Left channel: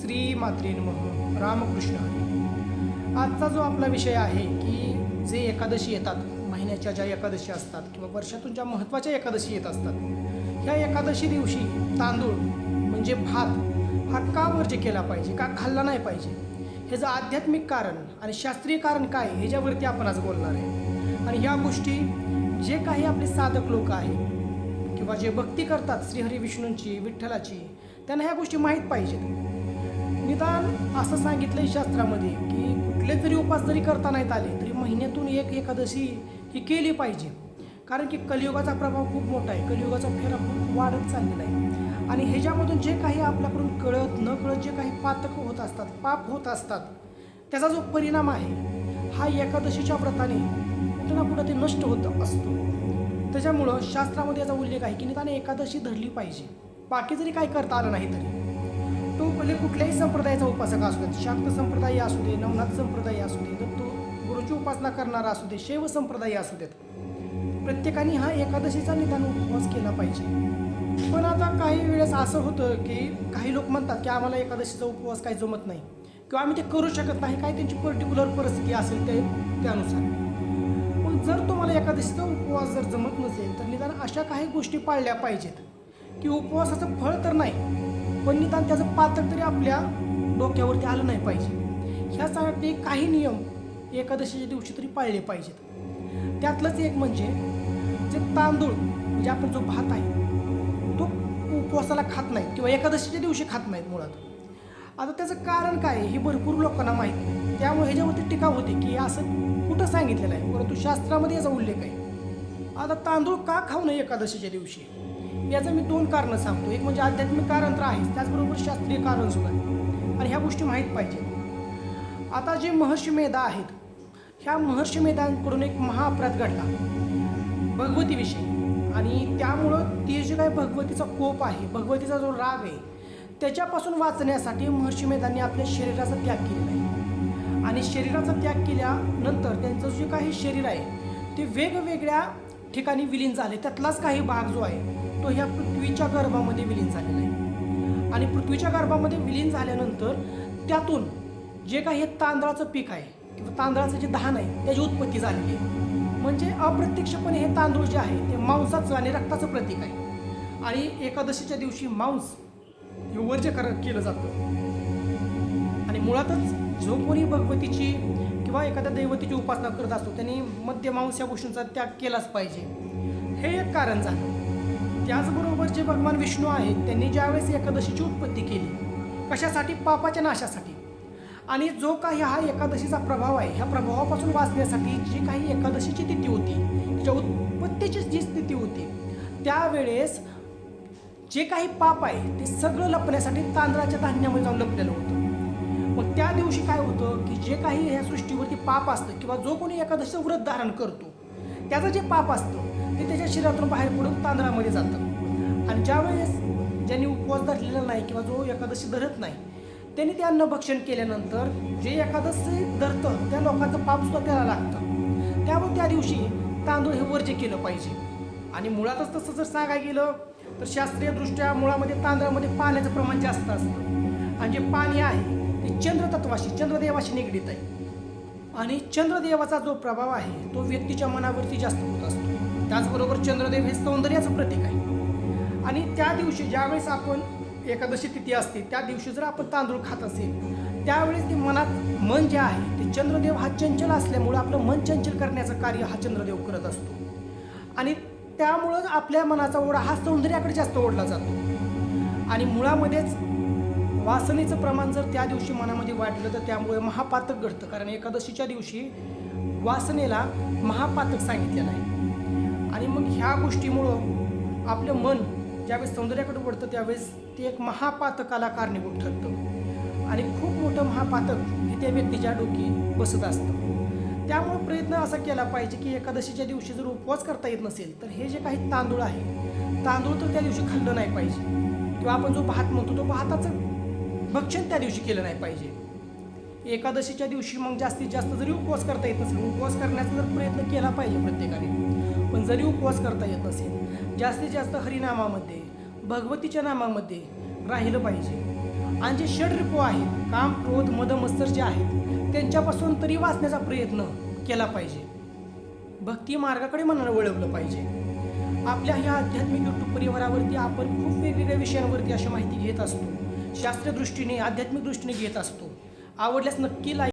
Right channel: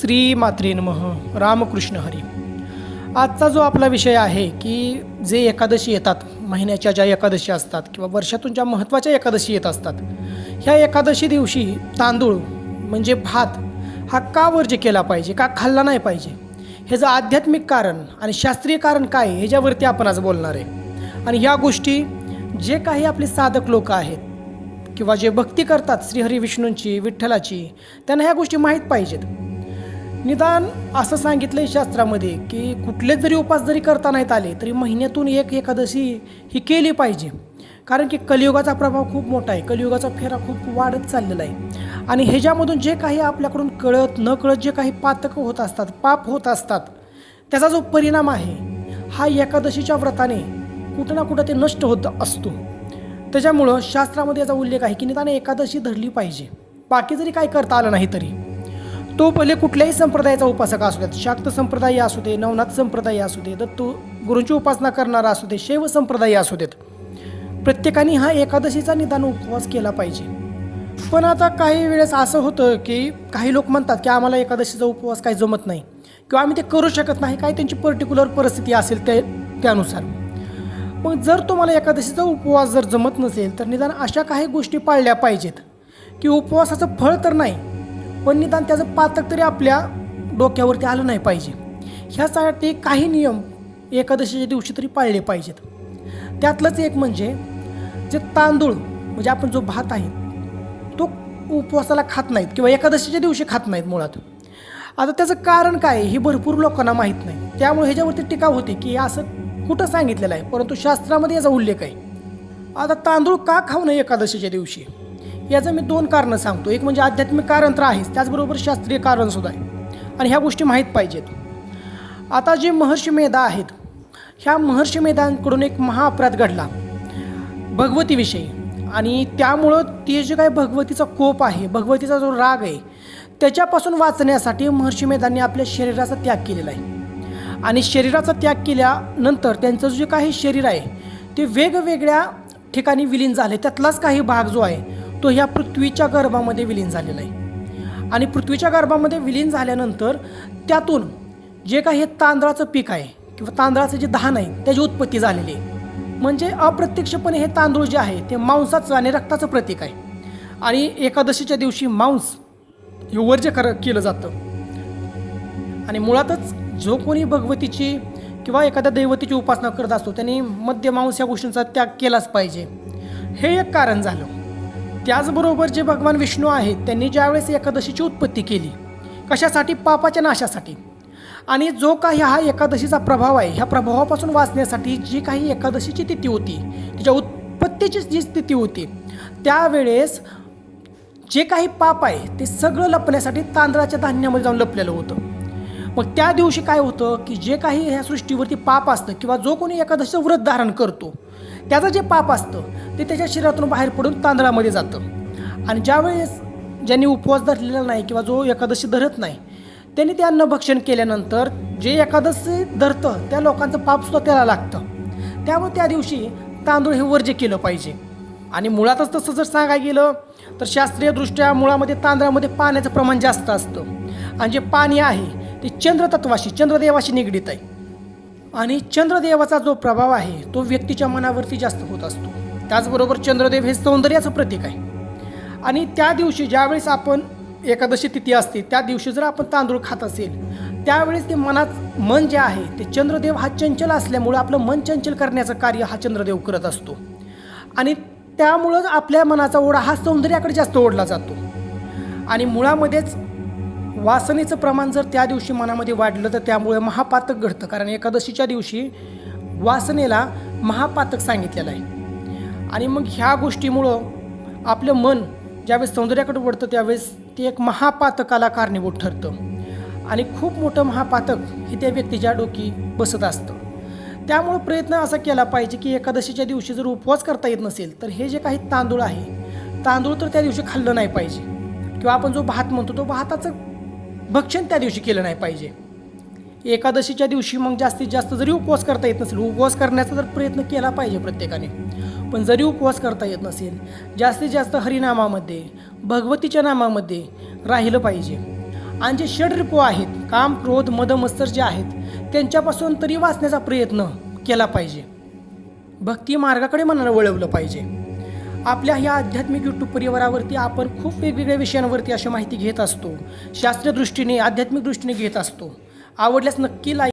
श्री मात्रे नमः. रामकृष्ण हरी. आजचा जो आपला विषय आहे की जे एकादशी येतात, महिन्याच्या ज्या एकादशी असतात किंवा वर्षातून ज्या महत्त्वाच्या एकादशी येत असतात, ह्या एकादशी दिवशी तांदूळ म्हणजे भात हा का वर्ज्य केला पाहिजे, का खाल्ला नाही पाहिजे, ह्याचं आध्यात्मिक कारण आणि शास्त्रीय कारण काय आहे ह्याच्यावरती आपण आज बोलणार आहे. आणि ह्या गोष्टी जे काही आपले साधक लोक आहेत किंवा जे भक्ती करतात श्रीहरी विष्णूंची, विठ्ठलाची, त्यांना ह्या गोष्टी माहीत पाहिजेत. निदान असं सांगितलं आहे शास्त्रामध्ये की कुठले जरी उपास जरी करता नाहीत आले तरी महिन्यातून एक एकादशी ही केली पाहिजे. कारण की कलियुगाचा प्रभाव खूप मोठा आहे, कलियुगाचा फेरा खूप वाढत चाललेला आहे. आणि ह्याच्यामधून जे काही आपल्याकडून कळत न कळत जे काही पातकं होत असतात, पाप होत असतात, त्याचा जो परिणाम आहे हा एकादशीच्या व्रताने कुठं ना कुठं ते नष्ट होत असतो. त्याच्यामुळं शास्त्रामध्ये याचा उल्लेख आहे की निदान एकादशी धरली पाहिजे. बाकी जरी काही करता आलं नाही तरी तो भले कुठल्याही संप्रदायाचा उपासक असू देत, शाक्त संप्रदाय असू दे, नवनाथ संप्रदाय असू दे, दत्त गुरूंची उपासना करणारा असू दे, शैव संप्रदाय असू देत, प्रत्येकाने हा एकादशीचा निदान उपवास केला पाहिजे. पण आता काही वेळेस असं होतं की काही लोक म्हणतात की आम्हाला एकादशीचा उपवास काही जमत नाही किंवा आम्ही ते करू शकत नाही, काही त्यांची पर्टिक्युलर परिस्थिती असेल त्यानुसार. मग जर तुम्हाला एकादशीचा उपवास जर जमत नसेल तर निदान अशा काही गोष्टी पाळल्या पाहिजेत की उपवासाचं फळ तर नाही पण निदान त्याचं पातक तरी आपल्या डोक्यावरती आलं नाही पाहिजे. ह्यासाठी काही नियम एकादशीच्या दिवशी तरी पाळले पाहिजेत. त्यातलंच एक म्हणजे जे तांदूळ म्हणजे आपण जो भात आहे तो उपवासाला खात नाहीत किंवा एकादशीच्या दिवशी खात नाहीत मुळात. आता त्याचं कारण काय हे भरपूर लोकांना माहीत नाही, त्यामुळे ह्याच्यावरती टीका होते की असं कुठं सांगितलेलं आहे, परंतु शास्त्रामध्ये याचा उल्लेख आहे. आता तांदूळ का खाऊ नये एकादशीच्या दिवशी याचं मी दोन कारणं सांगतो. एक म्हणजे आध्यात्मिक कारण तर आहेच, त्याचबरोबर शास्त्रीय कारणसुद्धा आहे आणि ह्या गोष्टी माहीत पाहिजेत. आता जे महर्षी मेधा आहेत, ह्या महर्षी मेधांकडून एक महाअपराध घडला भगवतीविषयी आणि त्यामुळं ते जे काही भगवतीचा कोप आहे, भगवतीचा जो राग आहे, त्याच्यापासून वाचण्यासाठी महर्षी मेधांनी आपल्या शरीराचा त्याग केलेला आहे. आणि शरीराचा त्याग केल्यानंतर त्यांचं जे काही शरीर आहे ते वेगवेगळ्या ठिकाणी विलीन झाले. त्यातलाच काही भाग जो आहे तो ह्या पृथ्वीच्या गर्भामध्ये विलीन झालेला आहे. आणि पृथ्वीच्या गर्भामध्ये विलीन झाल्यानंतर त्यातून जे काही हे तांदळाचं पीक आहे किंवा तांदळाचं जे धान आहे त्याची उत्पत्ती झालेली आहे. म्हणजे अप्रत्यक्षपणे हे तांदूळ जे आहे ते मांसाचं आणि रक्ताचं प्रतीक आहे. आणि एकादशीच्या दिवशी मांस हे वर्ज्य केलं जातं. आणि मुळातच जो कोणी भगवतीची किंवा एखाद्या दैवतीची उपासना करत असतो त्यांनी मद्य मांस या गोष्टींचा त्याग केलाच पाहिजे, हे एक कारण झालं. त्याचबरोबर जे भगवान विष्णू आहेत त्यांनी ज्यावेळेस एकादशीची उत्पत्ती केली कशासाठी, पापाच्या नाशासाठी. आणि जो काही हा एकादशीचा प्रभाव आहे ह्या प्रभावापासून वाचण्यासाठी जी काही एकादशीची तिथी होती, तिच्या उत्पत्तीची जी स्थिती होती, त्यावेळेस जे काही पाप आहे ते सगळं लपण्यासाठी तांदळाच्या धान्यामध्ये जाऊन लपलेलं होतं. मग त्या दिवशी काय होतं की जे काही ह्या सृष्टीवरती पाप असतं किंवा जो कोणी एकादशीचं व्रत धारण करतो त्याचं जे पाप असतं ते त्याच्या शरीरातून बाहेर पडून तांदळामध्ये जातं. आणि ज्यावेळेस ज्यांनी उपवास धरलेला नाही किंवा जो एकादशी धरत नाही त्यांनी ते अन्नभक्षण केल्यानंतर जे एकादशी धरतं त्या लोकांचं पापसुद्धा त्याला लागतं. त्यामुळे त्या दिवशी तांदूळ हे वर्ज्य केलं पाहिजे. आणि मुळातच तसं जर सांगायला गेलं तर शास्त्रीयदृष्ट्या मुळामध्ये तांदळामध्ये पाण्याचं प्रमाण जास्त असतं आणि जे पाणी आहे ते चंद्रतत्वाशी, चंद्रदेवाशी निगडीत आहे. आणि चंद्रदेवाचा जो प्रभाव आहे तो व्यक्तीच्या मनावरती जास्त होत असतो. त्याचबरोबर चंद्रदेव हे सौंदर्याचं प्रतीक आहे. आणि त्या दिवशी ज्यावेळेस आपण एकादशी तिथी असते त्या दिवशी जर आपण तांदूळ खात असेल त्यावेळेस ते मन जे आहे ते चंद्रदेव हा चंचल असल्यामुळं आपलं मन चंचल करण्याचं कार्य हा चंद्रदेव करत असतो. आणि त्यामुळं आपल्या मनाचा ओढा हा सौंदर्याकडे जास्त ओढला जातो. आणि मुळामध्येच वासनेचं प्रमाण जर त्या दिवशी मनामध्ये वाढलं तर त्यामुळे महापातक घडतं. कारण एकादशीच्या दिवशी वासनेला महापातक सांगितलेलं आहे. आणि मग ह्या गोष्टीमुळं आपलं मन ज्यावेळेस सौंदर्याकडे वळतं त्यावेळेस ते एक महापातकाला कारणीभूत ठरतं आणि खूप मोठं महापातक हे त्या व्यक्तीच्या डोकी बसत असतं. त्यामुळं प्रयत्न असा केला पाहिजे की एकादशीच्या दिवशी जर उपवास करता येत नसेल तर हे जे काही तांदूळ आहे, तांदूळ तर त्या दिवशी खाल्लं नाही पाहिजे किंवा आपण जो भात म्हणतो तो भाताचं भक्षण त्या दिवशी केलं नाही पाहिजे. एकादशीच्या दिवशी मग जास्तीत जास्त जरी उपवास करता येत नसेल, उपवास करण्याचा जर प्रयत्न केला पाहिजे प्रत्येकाने, पण जरी उपवास करता येत नसेल जास्तीत जास्त हरिनामामध्ये, भगवतीच्या नामामध्ये राहिलं पाहिजे. आणि जे षडरिपू आहेत, काम क्रोध मद मत्सर जे आहेत त्यांच्यापासून तरी वाचण्याचा प्रयत्न केला पाहिजे. भक्ती मार्गाकडे मनाला वळवलं पाहिजे. आपल्या ह्या आध्यात्मिक यूट्यूब परिवारावरती आपण खूप वेगवेगळ्या विषयांवरती अशी माहिती घेत असतो. शास्त्रीय दृष्टीने आध्यात्मिक दृष्टीने घेत असतो. आवडल्यास नक्की लाईक